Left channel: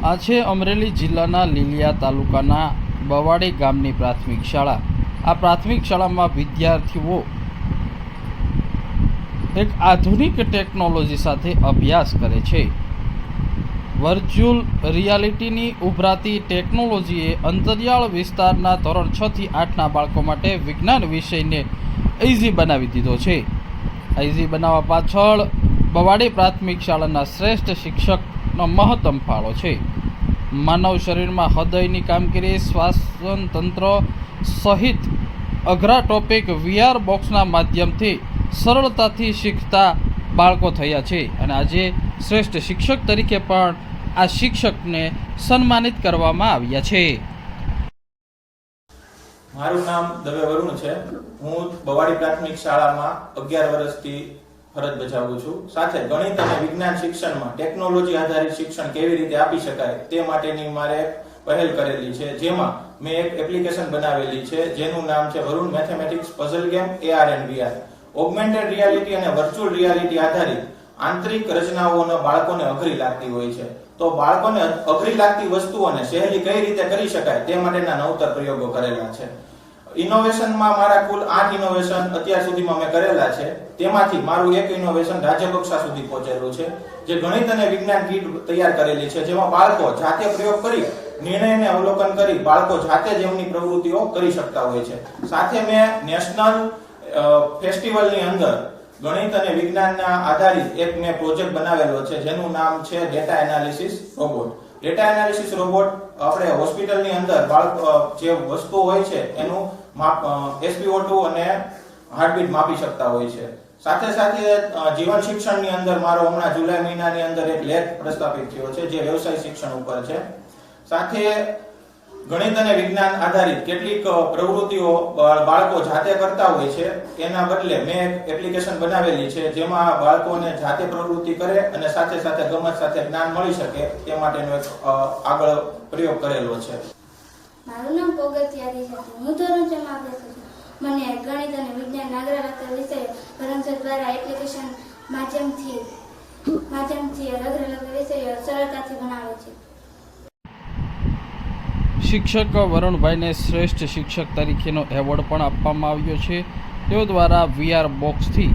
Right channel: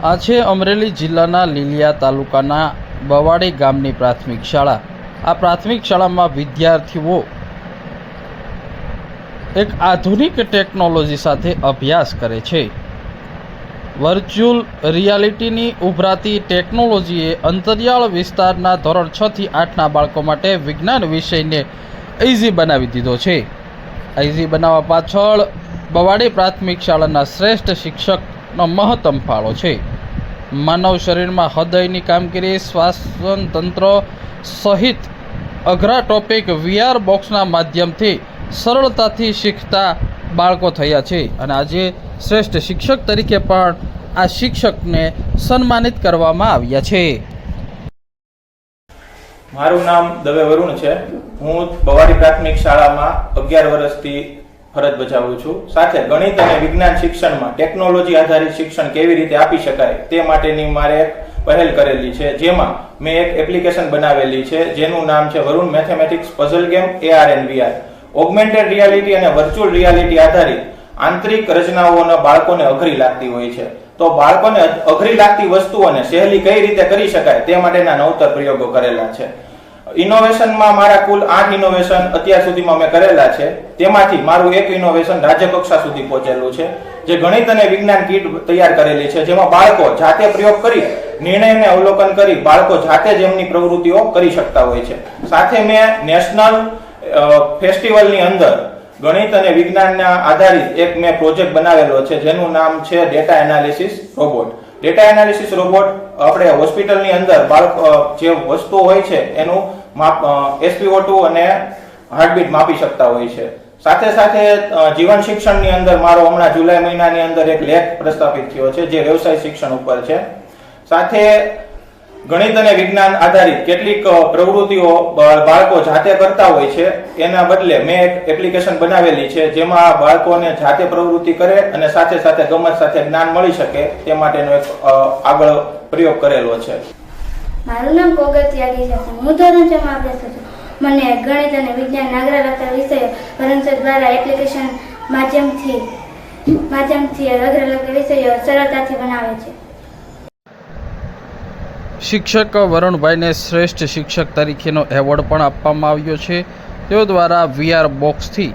આ છે અમરેલી જિલ્લાના લીલિયા તાલુકાના બવાડી ગામની પ્રાથમિક શાળા। આ પ્રાથમિક શાળામાં વિદ્યાર્થીઓ એક આધુનિક ટેકનોલોજી સાથે અભ્યાસ કરે છે। વર્ચ્યુઅલ રિયાલિટીની ઉભરાતી ટેકનોલોજીએ અંતરિયાળ વિસ્તારના ધોરણ 6 થી 8ના બાળકો માટે વિજ્ઞાન વિષયને ઇઝી બનાવી દીધો છે। ઇઝી બનાવવા પાછળ બવાડી પ્રાથમિક શાળાના શ્રેષ્ઠ શિક્ષકનો મહત્તમ ફાળો છે। માનવ શરીરમાં હૃદયની કામગીરી, શ્વાસન તંત્ર સહિત અઘરા ટોપિક VR બોક્સના માધ્યમથી સરળતાથી શીખતા બાળકો થયા છે અને આજે શ્રેષ્ઠ શિક્ષક તરીકે પણ આ શિક્ષકને સન્માનિત કરવામાં આવ્યા છે। મારું નામ દવે વરુણ છે। હું બવાડી પ્રાથમિક શાળામાં 11 વર્ષથી ફરજ બજાવું છું। સાથે ગણિત અને વિજ્ઞાન શિક્ષણમાં ટેકનોલોજી આધારિત શિક્ષણ કેવી રીતે આપી શકાય તે માટેની મારે પહેલ કરેલી છે, જેમાં મેં એક એપ્લિકેશન બનાવેલી છે જેનું નામ છે Varun mathematics puzzle game AR and VR। Augmented reality અને વર્ચ્યુઅલ રિયાલિટી આધારિત આંતરિક રચનાઓને બાળકોને અઘરી લાગતી હોય છે, તો બાળકોને અઘરી લાગતી વસ્તુઓને સહેલી કઈ રીતે કરી શકાય તે માટેના નવતર પ્રયોગો કરેલા છે। ઇનોવેશનમાં મારા કુલ 8 ઇનોવેશન અત્યાર સુધીમાં મેં કરેલા છે। તેમાંથી મારું એક ઇનોવેશન રાજ્ય કક્ષા સુધી પહોંચેલું છે, જે ગણિત અને વિજ્ઞાન કીટ તૈયાર કરેલી છે, જેમાં બાળકો જાતે પ્રયોગ કરી નિર્ણયને અવલોકન કરી બાળકો જાતે જ એમની પ્રવૃત્તિઓ કરી શકતા હોય છે। સાથે મેં નેશનલ ફેસ્ટિવલની અંદર ગણિત અને વિજ્ઞાનના આધારિત એક મેં પ્રોજેક્ટ બનાવેલો છે, જેનું નામ છે data analysis robot. Data analysis robot આપણે હોસ્પિટલની અંદર જે વસ્તુ હોય છે એનું SpO2 અને હાર્ટબીટ માપી શકતા હોય છે। સાથે સાથે જીવન શિક્ષણની અંદર મારો હમણાં જુલાઈ મહિનાની અંદર એક લેખ પ્રસ્થાપિત થયો છે, જે વ્યવસાય શિક્ષણ ઉપર છે। સાથે ગણિત અને વિજ્ઞાન આધારિત કેટલીક પ્રવૃત્તિઓ બાળકો જાતે કરતા હોય છે, એના બદલે મેં એક એપ્લિકેશન બનાવેલી છે, જેમાં બાળકોને જાતે પ્રવૃત્તિ કરે અને સાથે સાથે ગમત સાથે જ્ઞાન મળી શકે તે માટેનો એક આગળ પ્રયોગ કરેલો છે। મારું નામ કોગતિયારી છે। હું ધોરણ 6 માં અભ્યાસ કરું છું। મને ગણિત અને વિજ્ઞાન આગ્રહ રાખતા વિષયો ભરણસર દ્વારા એપ્લિકેશન માધ્યમથી અઘરા લગતા વિષયો સરળતાથી બનાવે છે। શિક્ષક વરુણભાઈને શ્રેષ્ઠ શિક્ષક તરીકેનો એવોર્ડ પણ આપવામાં આવ્યો છે। તેઓ દ્વારા VR બોક્સથી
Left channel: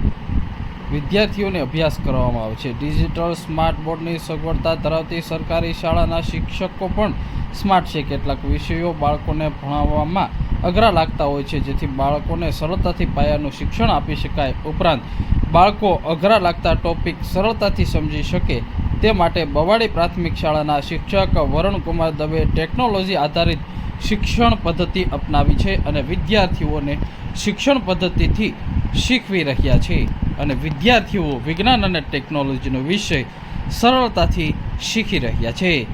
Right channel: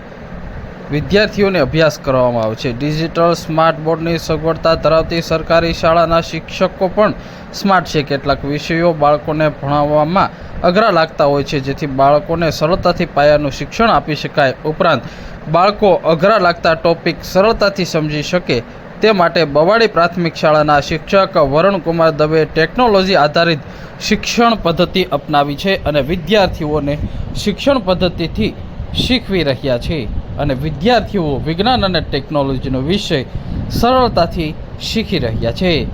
વિદ્યાર્થીઓને અભ્યાસ કરવામાં આવે છે। ડિજિટલ સ્માર્ટ બોર્ડની સગવડતા ધરાવતી સરકારી શાળાના શિક્ષકો પણ સ્માર્ટ છે। કેટલાક વિષયો બાળકોને ભણાવવામાં અઘરા લાગતા હોય છે, જેથી બાળકોને સરળતાથી પાયાનું શિક્ષણ આપી શકાય, ઉપરાંત બાળકો અઘરા લાગતા ટોપિક સરળતાથી સમજી શકે તે માટે બવાડી પ્રાથમિક શાળાના શિક્ષક વરુણકુમાર દવે ટેકનોલોજી આધારિત શિક્ષણ પદ્ધતિ અપનાવી છે અને વિદ્યાર્થીઓને શિક્ષણ પદ્ધતિથી શીખવી રહ્યા છે અને વિદ્યાર્થીઓ વિજ્ઞાન અને ટેકનોલોજીનો વિષય સરળતાથી શીખી રહ્યા છે।